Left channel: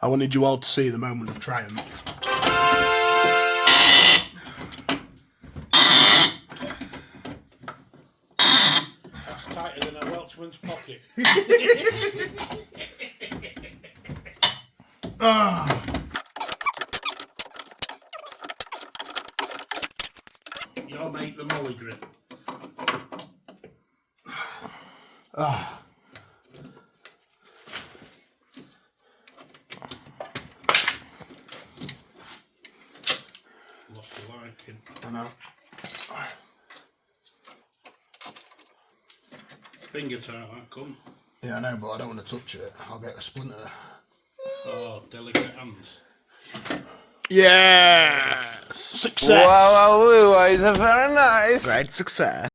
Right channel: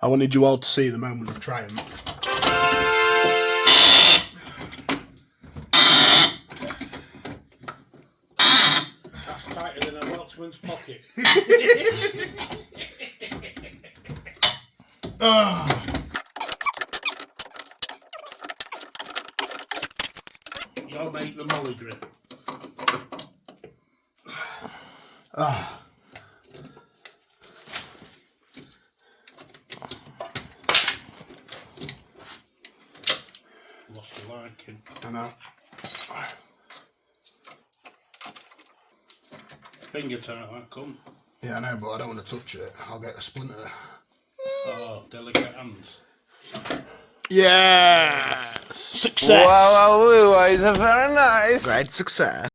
I wanted you all to see the moment of triumph. That's tighter than a Welshman's pocket. You'll make the molly grip. Lost the liking. I know. Finger tight, that come. Yeah, I know, but I don't want to touch it. I'll get a splinter. Oh, delicate hands. Yes! Success. Wow, it's a very nice. Great success.